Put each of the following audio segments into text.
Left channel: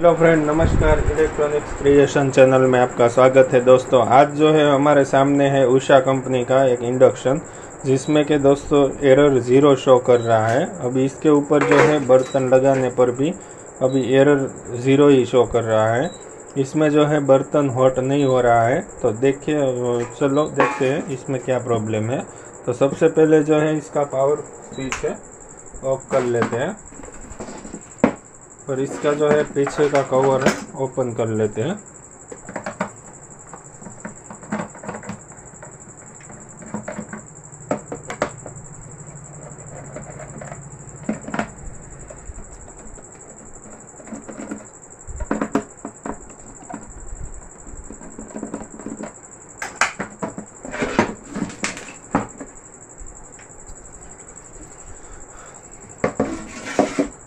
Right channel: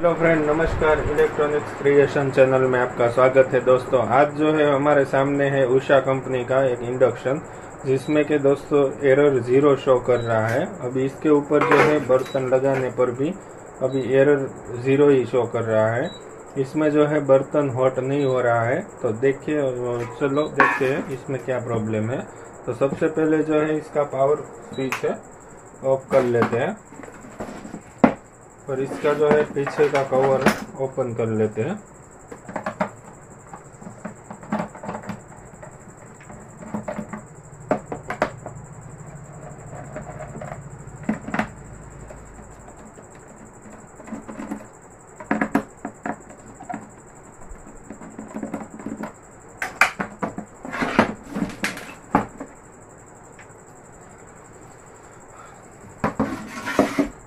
Hello friend, नमस्कार। Electronics creation channel में आपका स्वागत है। दोस्तों, आज जो है हमारे सामने है उषा कंपनी का एक इंडक्शन, जिसमें के दोस्तों एरर 0 शो कर रहा है। अभी इसके ऊपर जो है बर्तन लगाने पर भी अभी एरर 0 ही शो कर रहा है। इसमें जो है बर्तन हॉट नहीं हो रहा है। तो देखिए, चलो देखते हैं इसमें क्या प्रॉब्लम है। तो सबसे पहले जो है इसका पावर स्विच है ऑफ कर लेते हैं और इसका जो है पीछे का कवर है ओपन कर लेते हैं।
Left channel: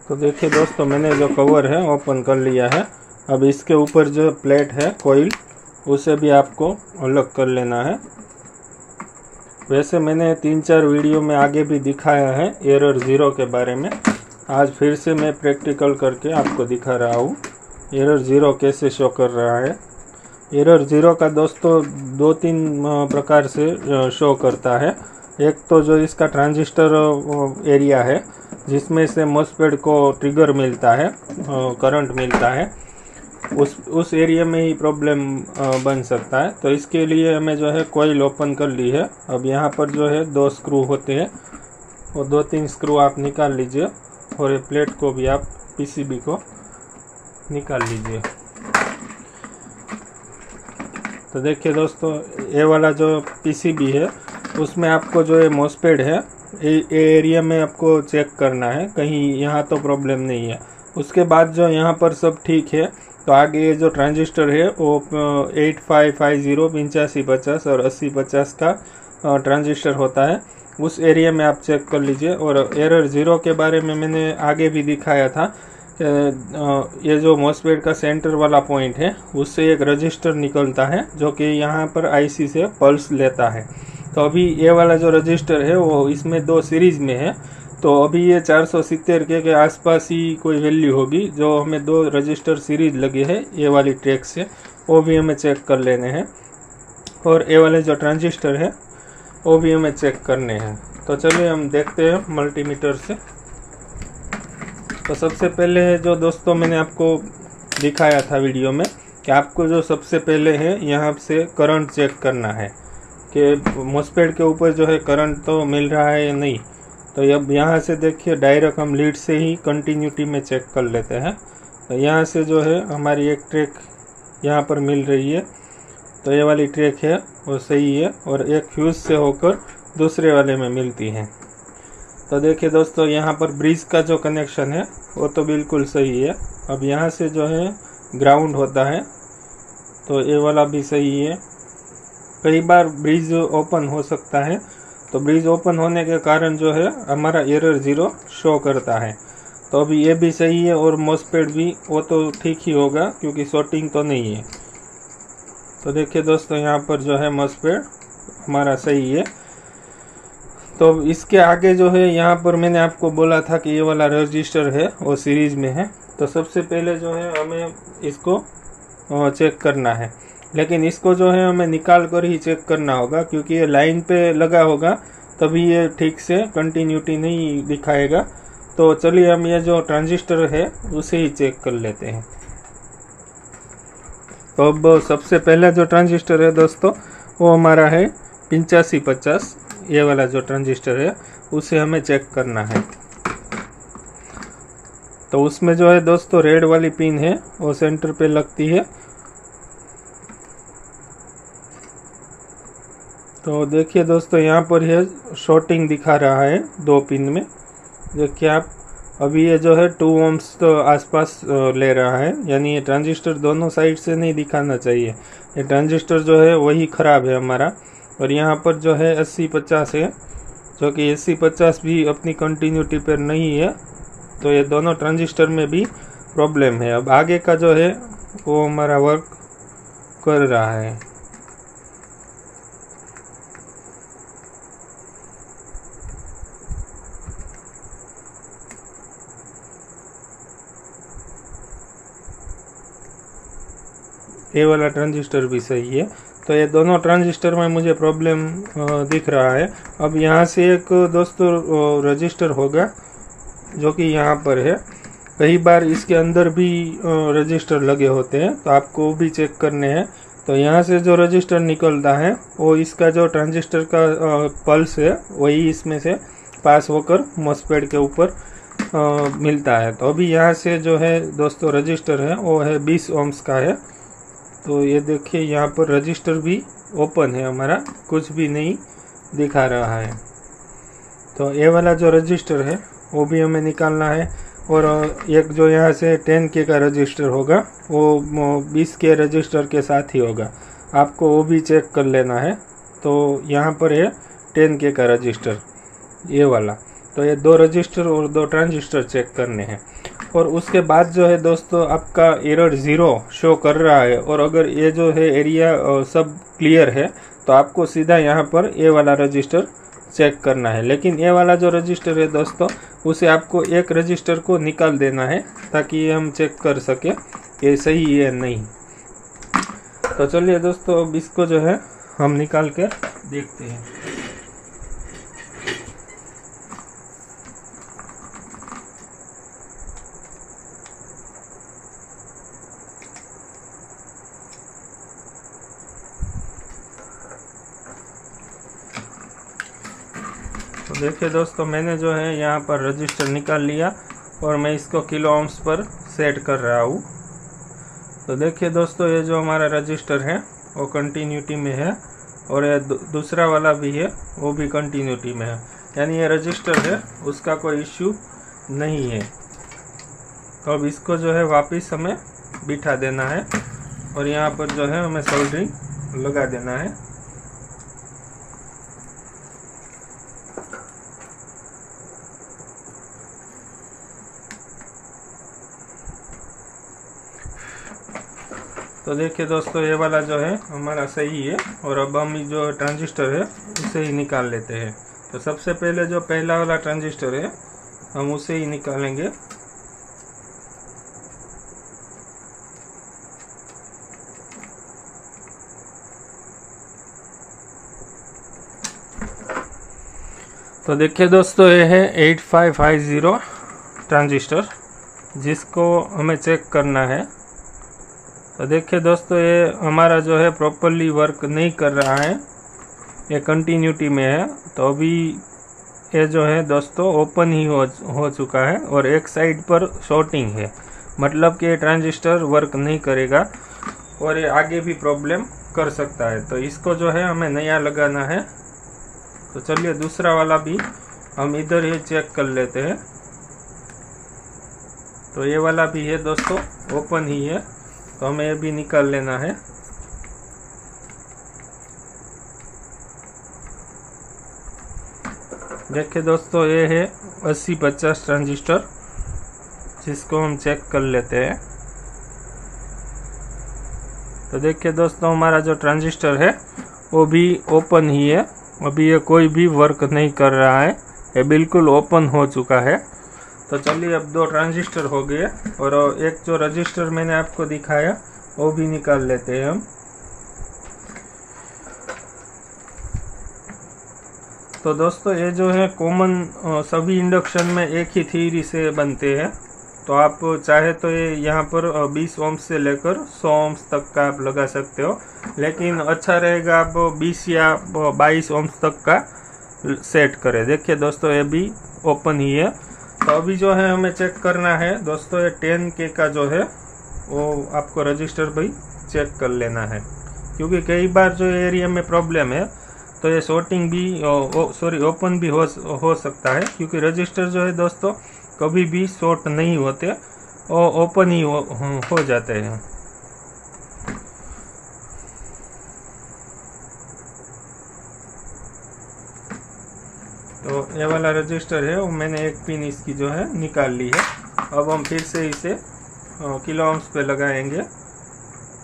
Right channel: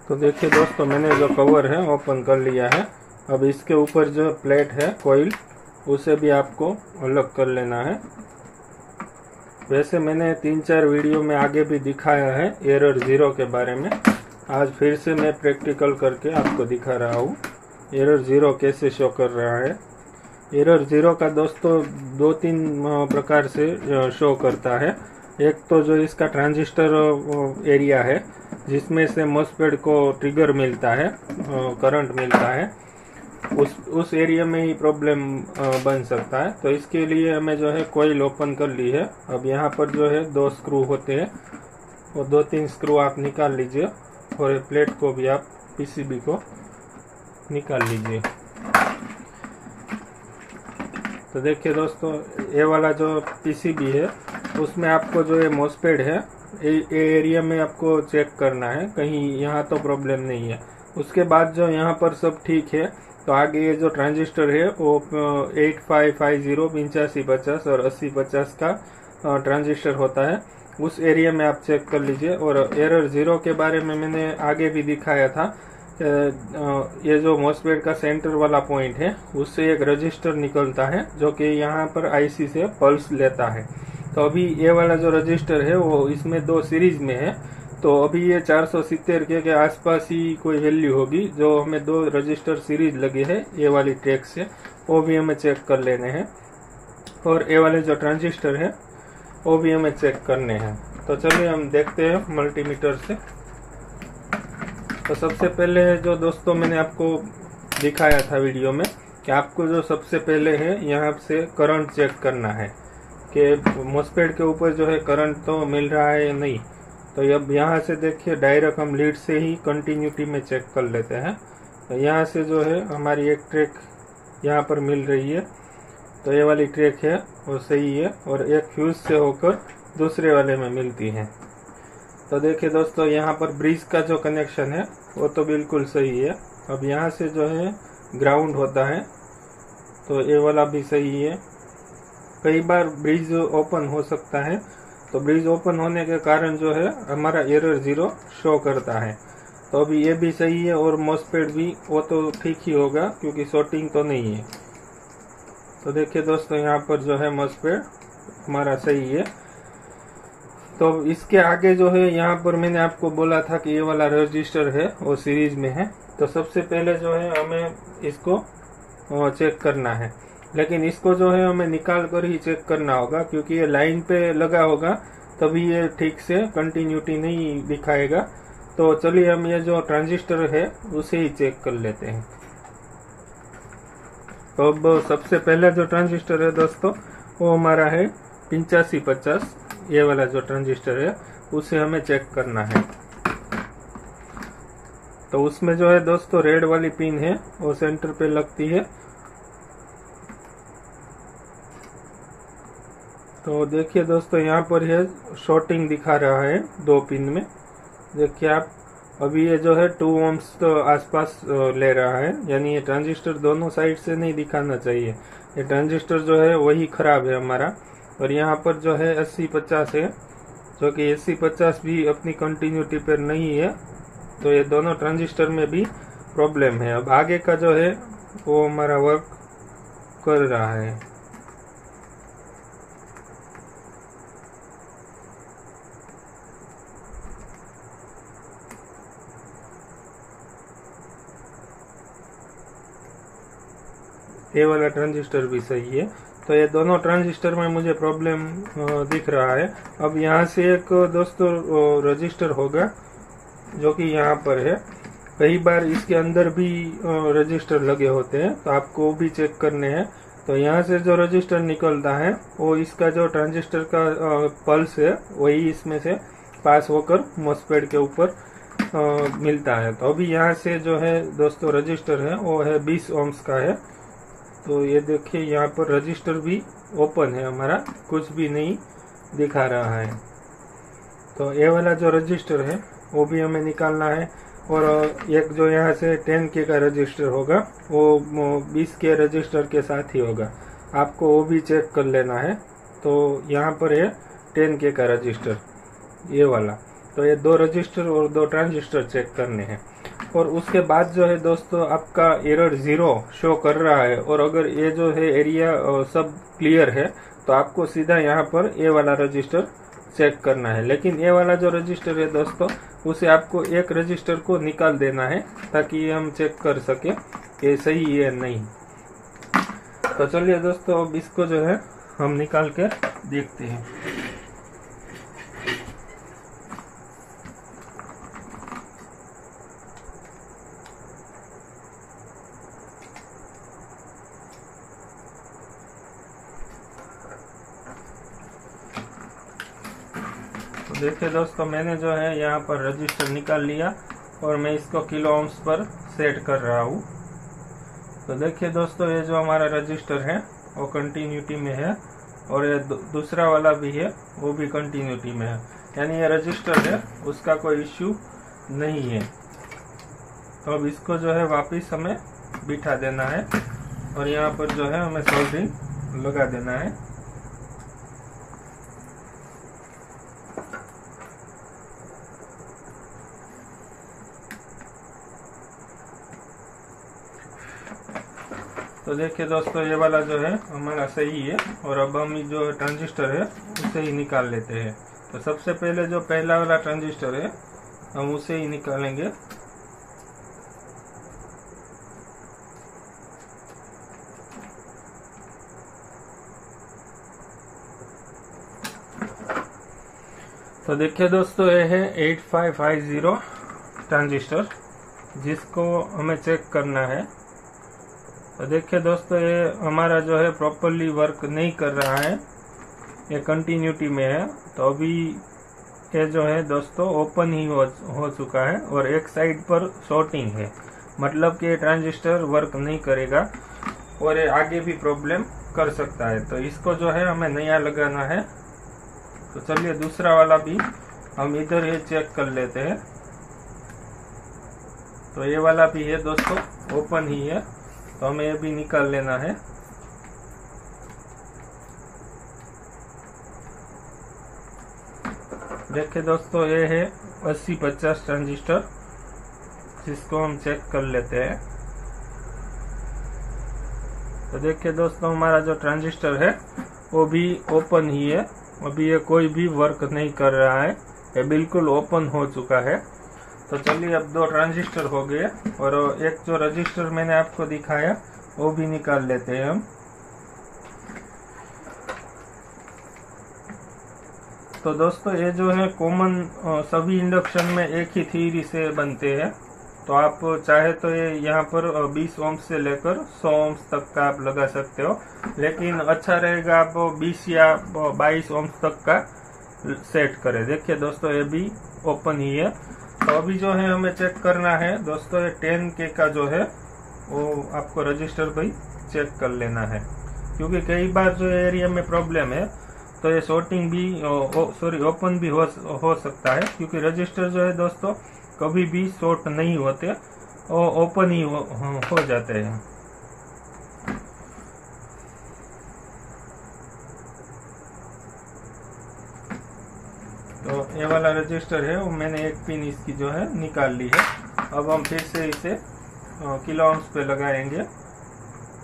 तो देखिए दोस्तों, मैंने जो कवर है ओपन कर लिया है। अब इसके ऊपर जो प्लेट है कोइल, उसे भी आपको अलग कर लेना है। वैसे मैंने 3-4 वीडियो में आगे भी दिखाया है एरर 0 के बारे में। आज फिर से मैं प्रैक्टिकल करके आपको दिखा रहा हूँ एरर 0 कैसे शो कर रहा है। एरर 0 का दोस्तों 2-3 प्रकार से शो करता है। एक तो जो इसका ट्रांजिस्टर एरिया है, जिसमें से मॉसफेट को ट्रिगर मिलता है, करंट मिलता है, उस एरिया में ही प्रॉब्लम बन सकता है। तो इसके लिए हमें जो है कॉइल ओपन कर ली है। अब यहाँ पर जो है 2 स्क्रू होते हैं, वो 2-3 स्क्रू आप निकाल लीजिए और प्लेट को भी आप पीसीबी को निकाल लीजिए। तो देखिए दोस्तों, ये वाला जो पीसीबी है उसमें आपको जो है मॉसफेट है, ये एरिया में आपको चेक करना है, कहीं यहाँ तो प्रॉब्लम नहीं है। उसके बाद जो यहाँ पर सब ठीक है, तो आगे ये जो ट्रांजिस्टर है वो 8550 8550 और 8050 का ट्रांजिस्टर होता है, उस एरिया में आप चेक कर लीजिए। और एरर 0 के बारे में मैंने आगे भी दिखाया था। ये जो मॉसफेट का सेंटर वाला पॉइंट है, उससे एक रजिस्टर निकलता है जो कि यहाँ पर आईसी से पल्स लेता है। तो अभी ये वाला जो रजिस्टर है वो इसमें 2 सीरीज में है। तो अभी ये 470 के आसपास ही कोई वैल्यू होगी। जो हमें 2 रजिस्टर सीरीज लगे हैं ये वाली ट्रैक से, वो भी हमें चेक कर लेने हैं। और ये वाले जो ट्रांजिस्टर है वो भी हमें चेक करने हैं। तो चलिए हम देखते हैं मल्टीमीटर से। तो सबसे पहले जो दोस्तों मैंने आपको दिखाया था वीडियो में कि आपको जो सबसे पहले है यहाँ से करंट चेक करना है कि मॉसफेट के ऊपर जो है करंट तो मिल रहा है या नहीं। तो अब यहाँ से देखिए, डायरेक्ट हम लीड से ही कंटिन्यूटी में चेक कर लेते हैं। तो यहाँ से जो है हमारी एक ट्रैक यहाँ पर मिल रही है, तो ये वाली ट्रैक है वो सही है, और एक फ्यूज से होकर दूसरे वाले में मिलती है। तो देखिए दोस्तों, यहाँ पर ब्रिज का जो कनेक्शन है वो तो बिल्कुल सही है। अब यहाँ से जो है ग्राउंड होता है, तो ये वाला भी सही है। कई बार ब्रिज ओपन हो सकता है, तो ब्रिज ओपन होने के कारण जो है हमारा एरर 0 शो करता है। तो अभी ये भी सही है, और मॉसफेट भी वो तो ठीक ही होगा क्योंकि शॉर्टिंग तो नहीं है। तो देखिए दोस्तों, यहाँ पर जो है मॉसफेट हमारा सही है। तो इसके आगे जो है यहाँ पर मैंने आपको बोला था कि ये वाला रजिस्टर है वो सीरीज में है। तो सबसे पहले जो है हमें इसको चेक करना है, लेकिन इसको जो है हमें निकाल कर ही चेक करना होगा, क्योंकि ये लाइन पे लगा होगा तभी ये ठीक से कंटिन्यूटी नहीं दिखाएगा। तो चलिए हम ये जो ट्रांजिस्टर है उसे ही चेक कर लेते हैं। तो अब सबसे पहला जो ट्रांजिस्टर है दोस्तों वो हमारा है 8550। ये वाला जो ट्रांजिस्टर है उसे हमें चेक करना है। तो उसमें जो है दोस्तों रेड वाली पिन है वो सेंटर पे लगती है। तो देखिए दोस्तों, यहाँ पर यह शॉर्टिंग दिखा रहा है 2 पिन में। देखिए आप, अभी ये जो है 2 ohms तो आसपास ले रहा है, यानी ये ट्रांजिस्टर दोनों साइड से नहीं दिखाना चाहिए। ये ट्रांजिस्टर जो है वही खराब है हमारा। और यहाँ पर जो है 8050 है, जो कि 8050 भी अपनी कंटिन्यूटी पर नहीं है। तो ये दोनों ट्रांजिस्टर में भी प्रॉब्लम है। अब आगे का जो है वो हमारा वर्क कर रहा है। ये वाला ट्रांजिस्टर भी सही है। तो ये दोनों ट्रांजिस्टर में मुझे प्रॉब्लम दिख रहा है। अब यहाँ से एक दोस्तों रजिस्टर होगा जो कि यहाँ पर है। कई बार इसके अंदर भी रजिस्टर लगे होते हैं, तो आपको भी चेक करने हैं। तो यहाँ से जो रजिस्टर निकलता है वो इसका जो ट्रांजिस्टर का पल्स है वही इसमें से पास होकर मॉसफेट के ऊपर मिलता है। तो अभी यहाँ से जो है दोस्तों रजिस्टर है वो है 20 ohms का है। तो ये देखिए यहाँ पर रजिस्टर भी ओपन है, हमारा कुछ भी नहीं दिखा रहा है। तो ये वाला जो रजिस्टर है वो भी हमें निकालना है। और एक जो यहाँ से 10K का रजिस्टर होगा वो 20K रजिस्टर के साथ ही होगा, आपको वो भी चेक कर लेना है। तो यहाँ पर है 10K का रजिस्टर ये वाला। तो ये 2 रजिस्टर और 2 ट्रांजिस्टर चेक करने हैं। और उसके बाद जो है दोस्तों आपका एरर 0 शो कर रहा है, और अगर ये जो है एरिया सब क्लियर है तो आपको सीधा यहाँ पर ये वाला रजिस्टर चेक करना है। लेकिन ये वाला जो रजिस्टर है दोस्तों उसे आपको एक रजिस्टर को निकाल देना है ताकि ये हम चेक कर सके ये सही है नहीं। तो चलिए दोस्तों अब इसको जो है हम निकाल कर देखते हैं। तो देखिए दोस्तों मैंने जो है यहाँ पर रजिस्टर निकाल लिया और मैं इसको किलो ohms पर सेट कर रहा हूँ। तो देखिए दोस्तों ये जो हमारा रजिस्टर है वो कंटिन्यूटी में है, और ये दूसरा वाला भी है वो भी कंटिन्यूटी में है, यानी ये रजिस्टर है उसका कोई इश्यू नहीं है। तो अब इसको जो है वापस हमें बिठा देना है और यहाँ पर जो है हमें सोल्डरिंग लगा देना है। तो देखिए दोस्तों ये वाला जो है हमारा सही है, और अब हम जो ट्रांजिस्टर है उसे ही निकाल लेते हैं। तो सबसे पहले जो पहला वाला ट्रांजिस्टर है हम उसे ही निकालेंगे। तो देखिए दोस्तों ये है 8550 ट्रांजिस्टर जिसको हमें चेक करना है। तो देखिए दोस्तों ये हमारा जो है प्रॉपरली वर्क नहीं कर रहा है, ये कंटिन्यूटी में है। तो अभी ये जो है दोस्तों ओपन ही हो चुका है और एक साइड पर शॉर्टिंग है, मतलब कि ये ट्रांजिस्टर वर्क नहीं करेगा और ये आगे भी प्रॉब्लम कर सकता है। तो इसको जो है हमें नया लगाना है। तो चलिए दूसरा वाला भी हम इधर ही चेक कर लेते हैं। तो ये वाला भी है दोस्तों ओपन ही है, तो हमें ये भी निकाल लेना है। देखिए दोस्तों ये है 8050 ट्रांजिस्टर जिसको हम चेक कर लेते हैं। तो देखिए दोस्तों हमारा जो ट्रांजिस्टर है वो भी ओपन ही है, अभी ये कोई भी वर्क नहीं कर रहा है, ये बिल्कुल ओपन हो चुका है। तो चलिए अब 2 ट्रांजिस्टर हो गए और एक जो रजिस्टर मैंने आपको दिखाया वो भी निकाल लेते हैं हम। तो दोस्तों ये जो है कॉमन सभी इंडक्शन में एक ही थ्योरी से बनते हैं। तो आप चाहे तो ये यहाँ पर 20 ohms से लेकर 100 ohms तक का आप लगा सकते हो, लेकिन अच्छा रहेगा आप 20 या 22 ohms तक का सेट करें। देखिए दोस्तों ये भी ओपन ही है। तो अभी जो है हमें चेक करना है दोस्तों ये 10K का जो है वो आपको रजिस्टर भाई चेक कर लेना है, क्योंकि कई बार जो एरिया में प्रॉब्लम है तो ये शॉर्टिंग भी ओपन भी हो सकता है, क्योंकि रजिस्टर जो है दोस्तों कभी भी शॉर्ट नहीं होते और ओपन ही हो जाते हैं। तो ये वाला रजिस्टर है वो मैंने एक पिन इसकी जो है निकाल ली है। अब हम फिर से इसे किलो ohms पे लगाएंगे।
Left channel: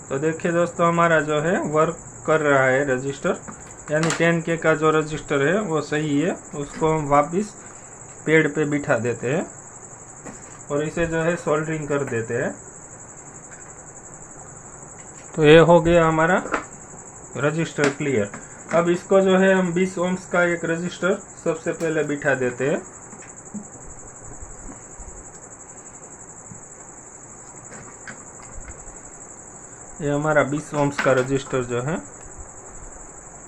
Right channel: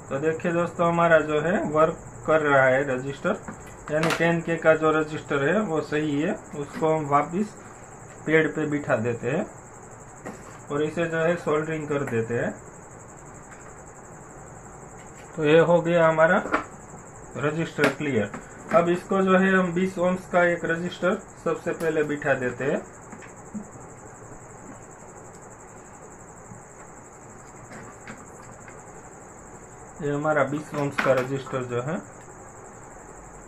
तो देखिए दोस्तों हमारा जो है वर्क कर रहा है रजिस्टर, यानी 10K का जो रजिस्टर है वो सही है। उसको हम वापस पेड़ पे बिठा देते हैं और इसे जो है सोल्डरिंग कर देते हैं। तो ये हो गया हमारा रजिस्टर क्लियर। अब इसको जो है हम 20 ओम्स का एक रजिस्टर सबसे पहले बिठा देते हैं। ये हमारा 20 ओम्स का रजिस्टर जो है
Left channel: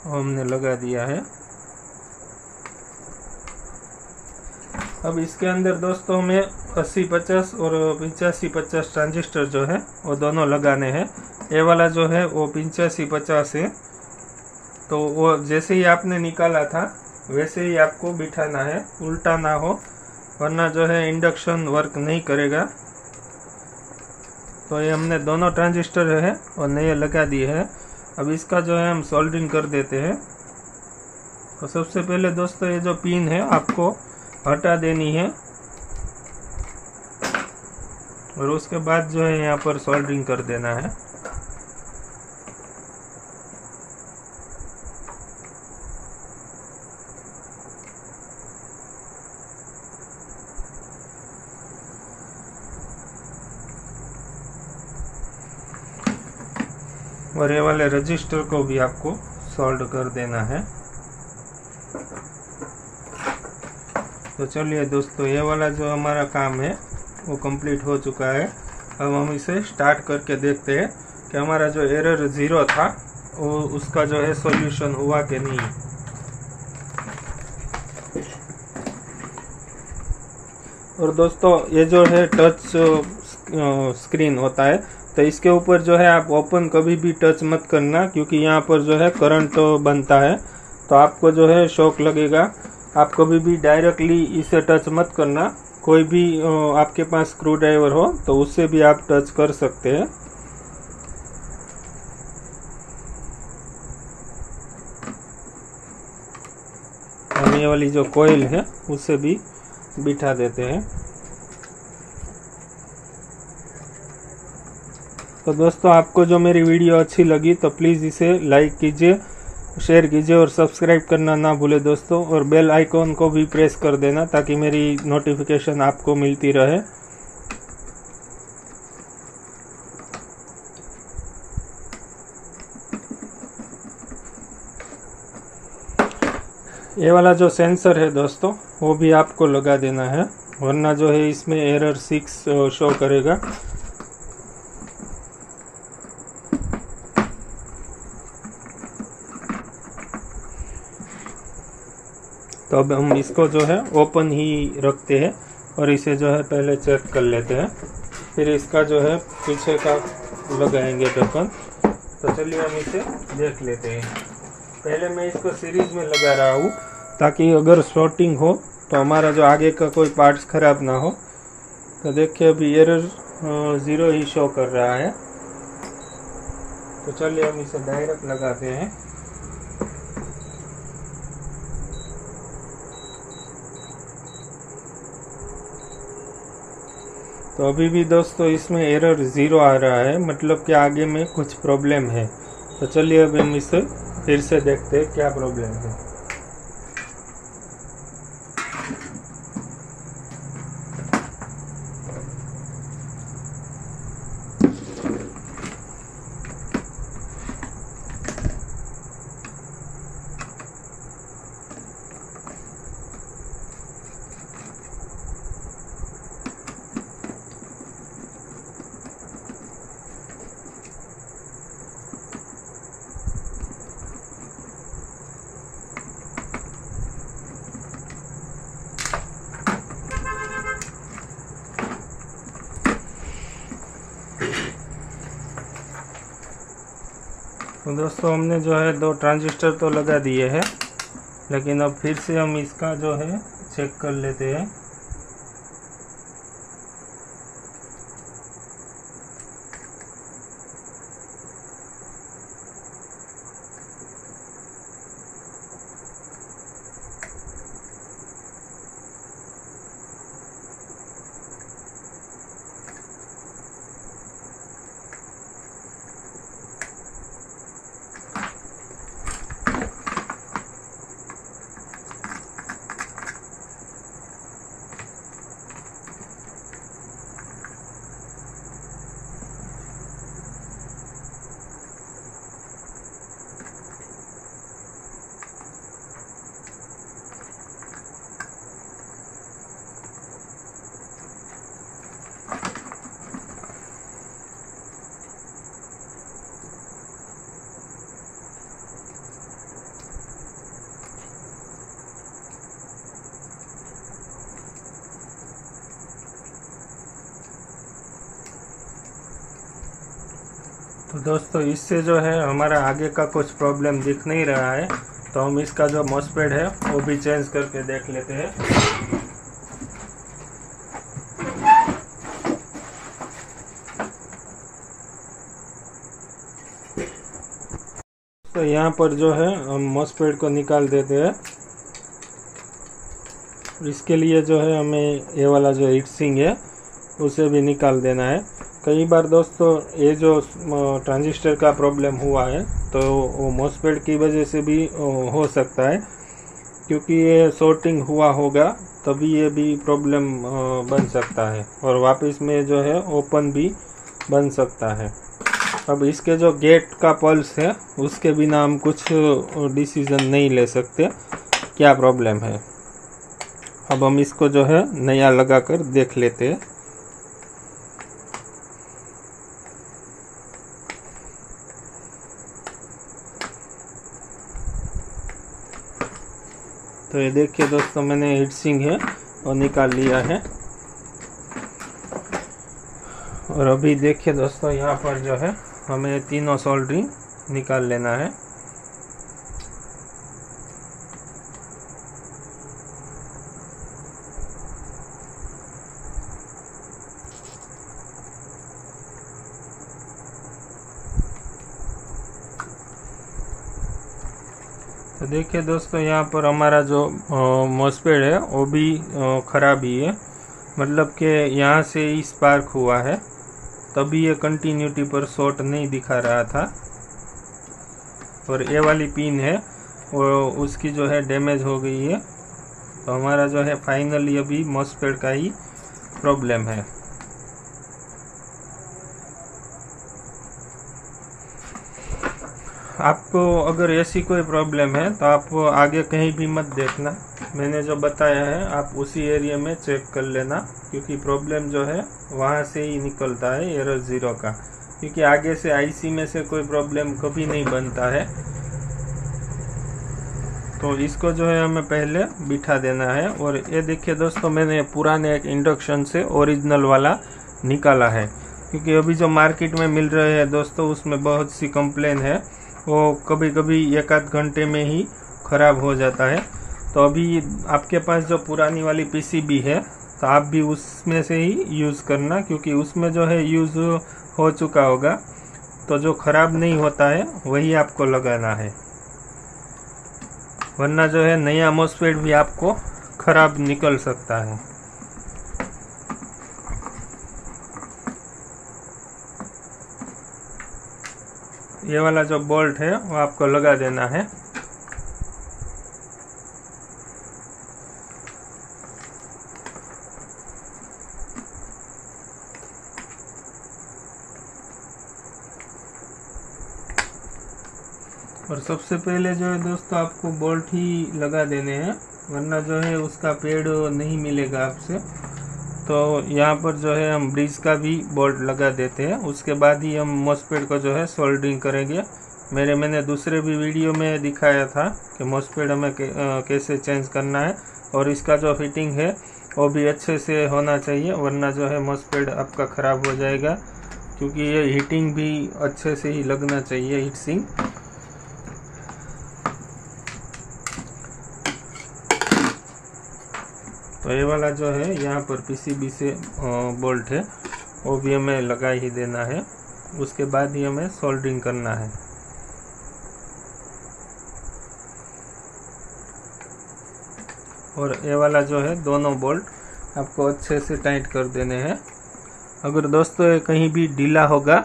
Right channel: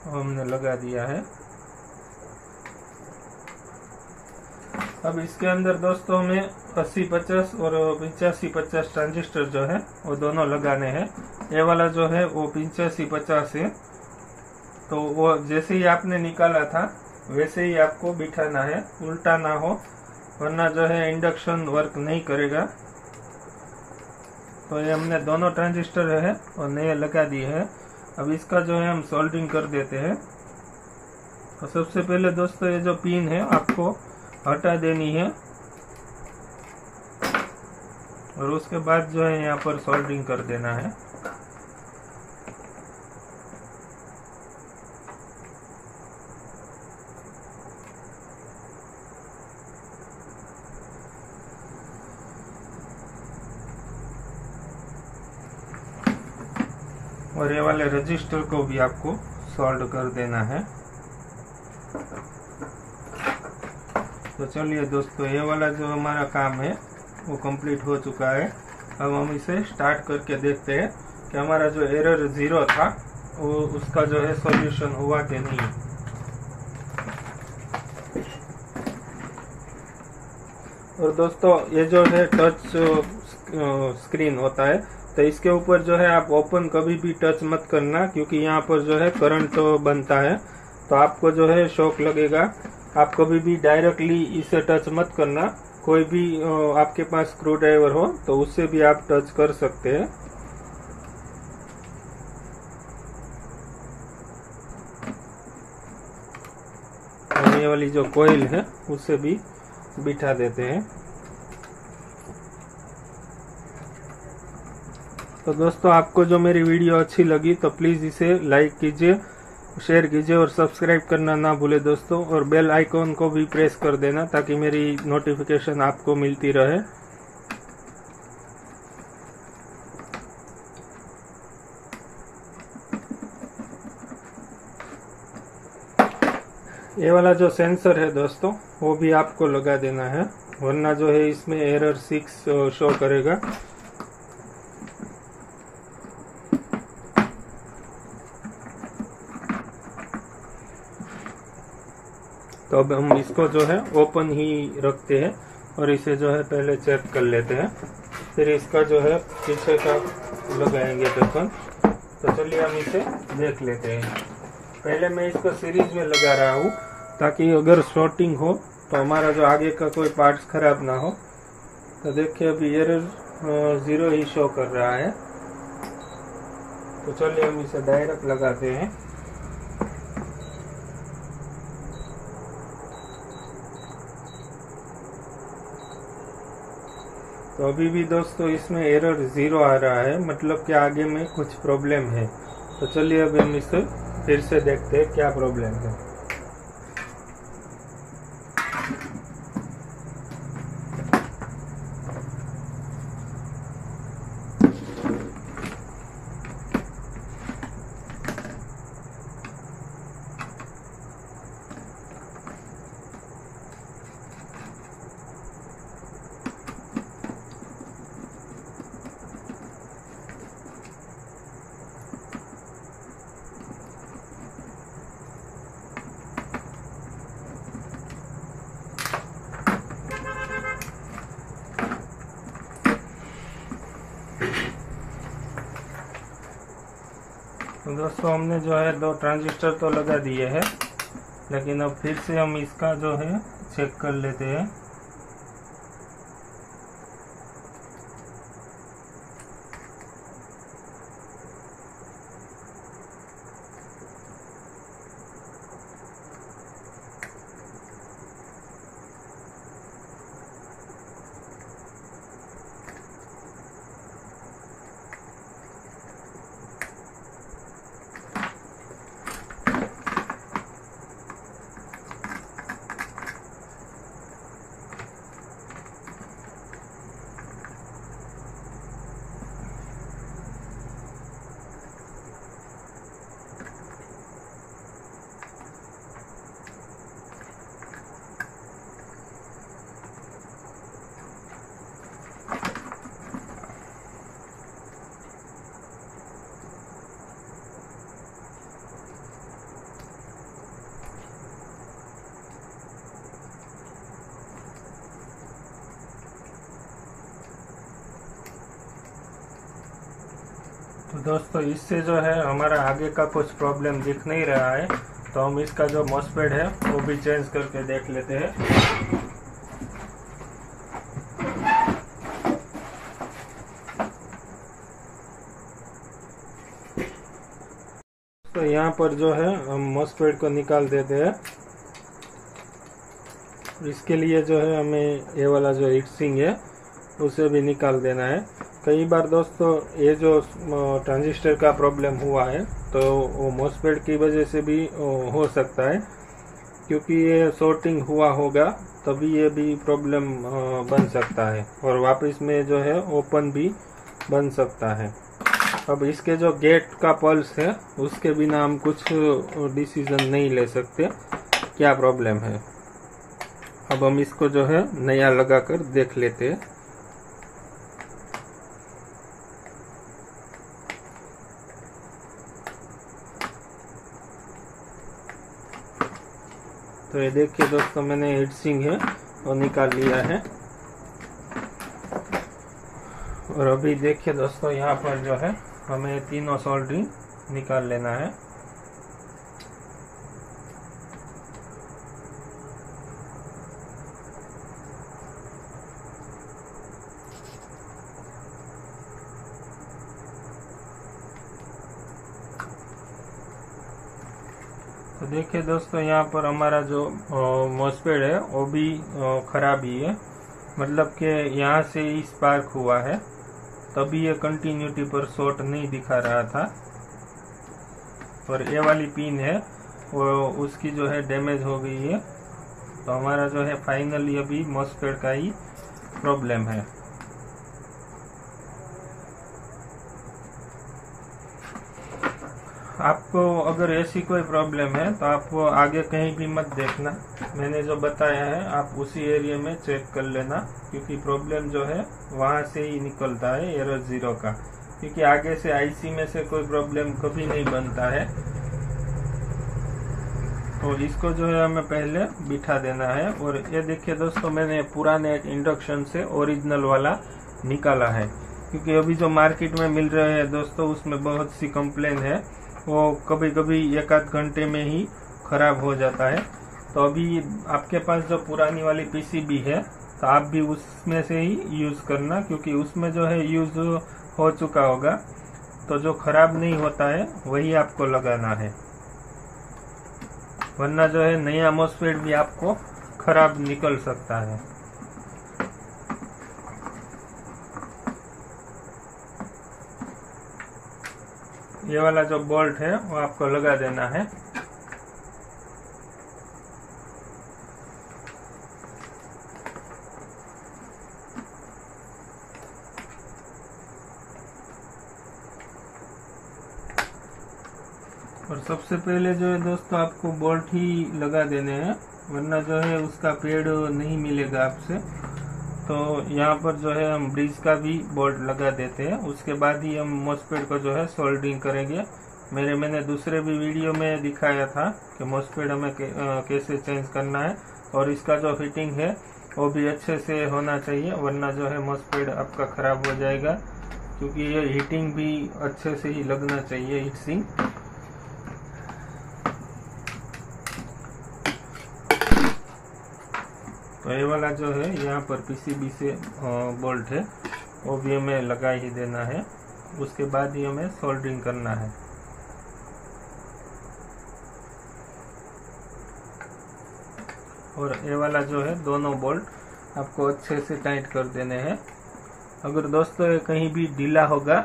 हमने लगा दिया है। अब इसके अंदर दोस्तों में 80-50 और 85-50 ट्रांजिस्टर जो है वो दोनों लगाने हैं। ये वाला जो है वो 85-50 है, तो वो जैसे ही आपने निकाला था वैसे ही आपको बिठाना है, उल्टा ना हो, वरना जो है इंडक्शन वर्क नहीं करेगा। तो ये हमने दोनों ट्रांजिस्टर है और नए लगा दिए हैं। अब इसका जो है हम सोल्डरिंग कर देते हैं। तो सबसे पहले दोस्तों ये जो पिन है आपको हटा देनी है और उसके बाद जो है यहाँ पर सोल्डरिंग कर देना है। और ये वाले रजिस्टर को भी आपको सोल्ड कर देना है। तो चलिए दोस्तों, ये वाला जो हमारा काम है वो कंप्लीट हो चुका है। अब हम इसे स्टार्ट करके देखते हैं कि हमारा जो एरर 0 था वो उसका जो है सॉल्यूशन हुआ कि नहीं। और दोस्तों ये जो है टच स्क्रीन होता है, तो इसके ऊपर जो है आप ओपन कभी भी टच मत करना, क्योंकि यहाँ पर जो है करंट बनता है तो आपको जो है शॉक लगेगा। आप कभी भी डायरेक्टली इसे टच मत करना। कोई भी आपके पास स्क्रू ड्राइवर हो तो उससे भी आप टच कर सकते हैं। हम ये वाली जो कॉइल है उससे भी बिठा देते हैं। तो दोस्तों, आपको जो मेरी वीडियो अच्छी लगी तो प्लीज़ इसे लाइक कीजिए, शेयर कीजिए और सब्सक्राइब करना ना भूले दोस्तों। और बेल आइकॉन को भी प्रेस कर देना ताकि मेरी नोटिफिकेशन आपको मिलती रहे। ये वाला जो सेंसर है दोस्तों वो भी आपको लगा देना है, वरना जो है इसमें एरर 6 शो करेगा। तो अब हम इसको जो है ओपन ही रखते हैं और इसे जो है पहले चेक कर लेते हैं, फिर इसका जो है पीछे का लगाएंगे ढक्कन। तो चलिए हम इसे देख लेते हैं। पहले मैं इसको सीरीज में लगा रहा हूँ ताकि अगर शॉर्टिंग हो तो हमारा जो आगे का कोई पार्ट्स खराब ना हो। तो देखिए अभी एरर 0 ही शो कर रहा है। तो चलिए हम इसे डायरेक्ट लगाते हैं। तो अभी भी दोस्तों इसमें एरर 0 आ रहा है, मतलब कि आगे में कुछ प्रॉब्लम है। तो चलिए अब हम इसे फिर से देखते हैं क्या प्रॉब्लम है। दोस्तों हमने जो है 2 ट्रांजिस्टर तो लगा दिए हैं, लेकिन अब फिर से हम इसका जो है चेक कर लेते हैं। तो दोस्तों इससे जो है हमारा आगे का कुछ प्रॉब्लम दिख नहीं रहा है, तो हम इसका जो मॉसफेट है वो भी चेंज करके देख लेते हैं। तो यहाँ पर जो है हम मॉसफेट को निकाल देते हैं। इसके लिए जो है हमें ये वाला जो हीट सिंक है उसे भी निकाल देना है। कई बार दोस्तों ये जो ट्रांजिस्टर का प्रॉब्लम हुआ है तो वो मॉसफेट की वजह से भी हो सकता है, क्योंकि ये शॉर्टिंग हुआ होगा तभी ये भी प्रॉब्लम बन सकता है और वापस में जो है ओपन भी बन सकता है। अब इसके जो गेट का पल्स है उसके बिना हम कुछ डिसीजन नहीं ले सकते क्या प्रॉब्लम है। अब हम इसको जो है नया लगाकर देख लेते हैं। तो ये देखिए दोस्तों, मैंने हीट सिंक है और निकाल लिया है। और अभी देखिए दोस्तों, यहाँ पर जो है हमें तीनों सोल्डरिंग निकाल लेना है। तो देखिए दोस्तों, यहाँ पर हमारा जो मॉसफेट है वो भी खराब ही है, मतलब कि यहाँ से ही स्पार्क हुआ है, तभी ये कंटिन्यूटी पर शॉर्ट नहीं दिखा रहा था। और ये वाली पिन है वो उसकी जो है डैमेज हो गई है। तो हमारा जो है फाइनली अभी मॉसफेट का ही प्रॉब्लम है। आपको अगर ऐसी कोई प्रॉब्लम है तो आप आगे कहीं भी मत देखना, मैंने जो बताया है आप उसी एरिया में चेक कर लेना, क्योंकि प्रॉब्लम जो है वहाँ से ही निकलता है एरर ज़ीरो का, क्योंकि आगे से आईसी में से कोई प्रॉब्लम कभी नहीं बनता है। तो इसको जो है हमें पहले बिठा देना है। और ये देखिए दोस्तों, मैंने पुराने एक इंडक्शन से ओरिजिनल वाला निकाला है, क्योंकि अभी जो मार्केट में मिल रहे हैं दोस्तों उसमें बहुत सी कंप्लेन है, वो कभी कभी एक आध घंटे में ही ख़राब हो जाता है। तो अभी आपके पास जो पुरानी वाली पीसीबी है तो आप भी उसमें से ही यूज़ करना, क्योंकि उसमें जो है यूज़ हो चुका होगा, तो जो ख़राब नहीं होता है वही आपको लगाना है, वरना जो है नया मॉसफेट भी आपको ख़राब निकल सकता है। ये वाला जो बोल्ट है वो आपको लगा देना है। और सबसे पहले जो है दोस्तों आपको बोल्ट ही लगा देने हैं, वरना जो है उसका पेड़ नहीं मिलेगा आपसे। तो यहाँ पर जो है हम ब्रिज का भी बोल्ट लगा देते हैं, उसके बाद ही हम मॉसफेट को जो है सोल्डरिंग करेंगे। मैंने दूसरे भी वीडियो में दिखाया था कि मॉसफेट हमें कैसे चेंज करना है, और इसका जो फिटिंग है वो भी अच्छे से होना चाहिए, वरना जो है मॉसफेट आपका ख़राब हो जाएगा, क्योंकि ये हीटिंग भी अच्छे से ही लगना चाहिए, हीट सिंक। तो ये वाला जो है यहाँ पर पीसीबी से बोल्ट है वो भी हमें लगा ही देना है, उसके बाद ही हमें सोल्डरिंग करना है। और ये वाला जो है दोनों बोल्ट आपको अच्छे से टाइट कर देने हैं। अगर दोस्तों ये कहीं भी ढीला होगा,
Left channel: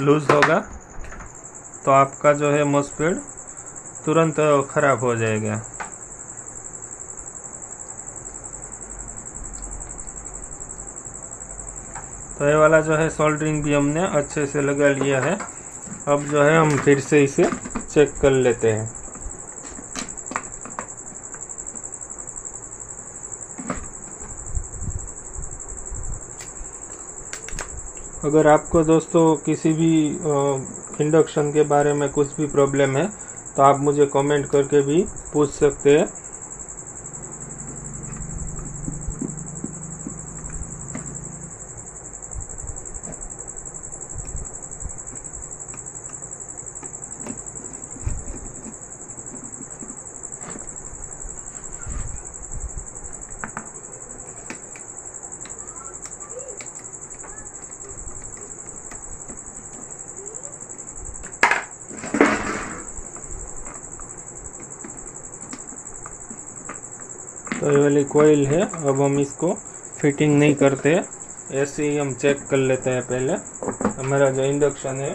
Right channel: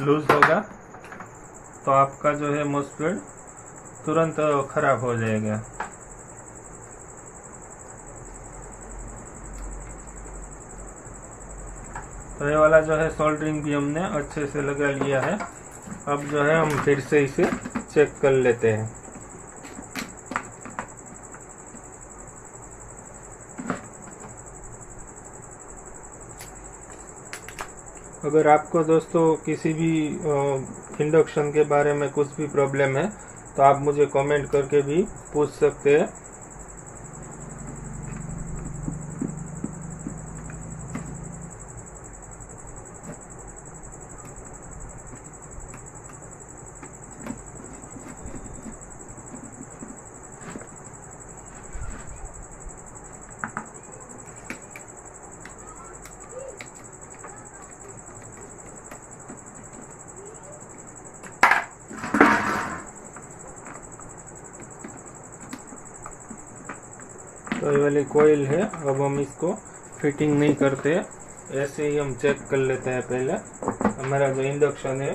लूज होगा, तो आपका जो है मॉसफेट तुरंत खराब हो जाएगा। तो ये वाला जो है सोल्डरिंग भी हमने अच्छे से लगा लिया है। अब जो है हम फिर से इसे चेक कर लेते हैं। अगर आपको दोस्तों किसी भी इंडक्शन के बारे में कुछ भी प्रॉब्लम है तो आप मुझे कमेंट करके भी पूछ सकते हैं। तो ये वाली कोयल है। अब हम इसको फिटिंग नहीं करते, ऐसे ही हम चेक कर लेते हैं। पहले हमारा जो इंडक्शन है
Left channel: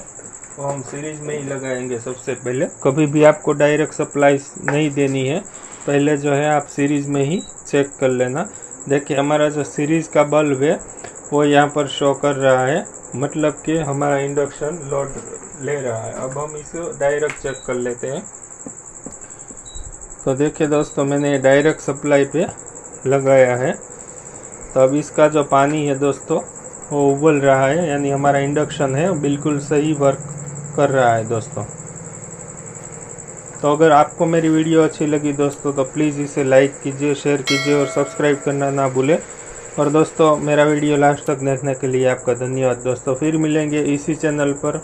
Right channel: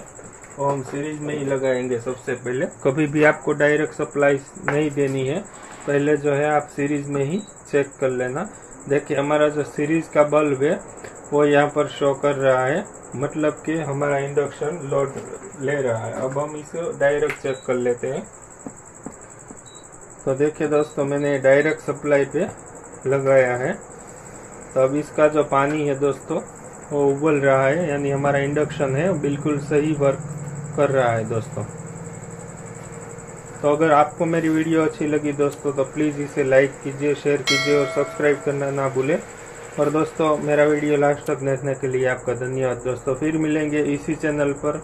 वो हम सीरीज में ही लगाएंगे सबसे पहले। कभी भी आपको डायरेक्ट सप्लाई नहीं देनी है, पहले जो है आप सीरीज में ही चेक कर लेना। देखिए हमारा जो सीरीज का बल्ब है वो यहाँ पर शो कर रहा है, मतलब कि हमारा इंडक्शन लोड ले रहा है। अब हम इसे डायरेक्ट चेक कर लेते हैं। तो देखिए दोस्तों, मैंने डायरेक्ट सप्लाई पे लगाया है। तो अब इसका जो पानी है दोस्तों वो उबल रहा है, यानी हमारा इंडक्शन है बिल्कुल सही वर्क कर रहा है दोस्तों। तो अगर आपको मेरी वीडियो अच्छी लगी दोस्तों तो प्लीज़ इसे लाइक कीजिए, शेयर कीजिए और सब्सक्राइब करना ना भूलें। और दोस्तों मेरा वीडियो लास्ट तक देखने के लिए आपका धन्यवाद दोस्तों। फिर मिलेंगे इसी चैनल पर।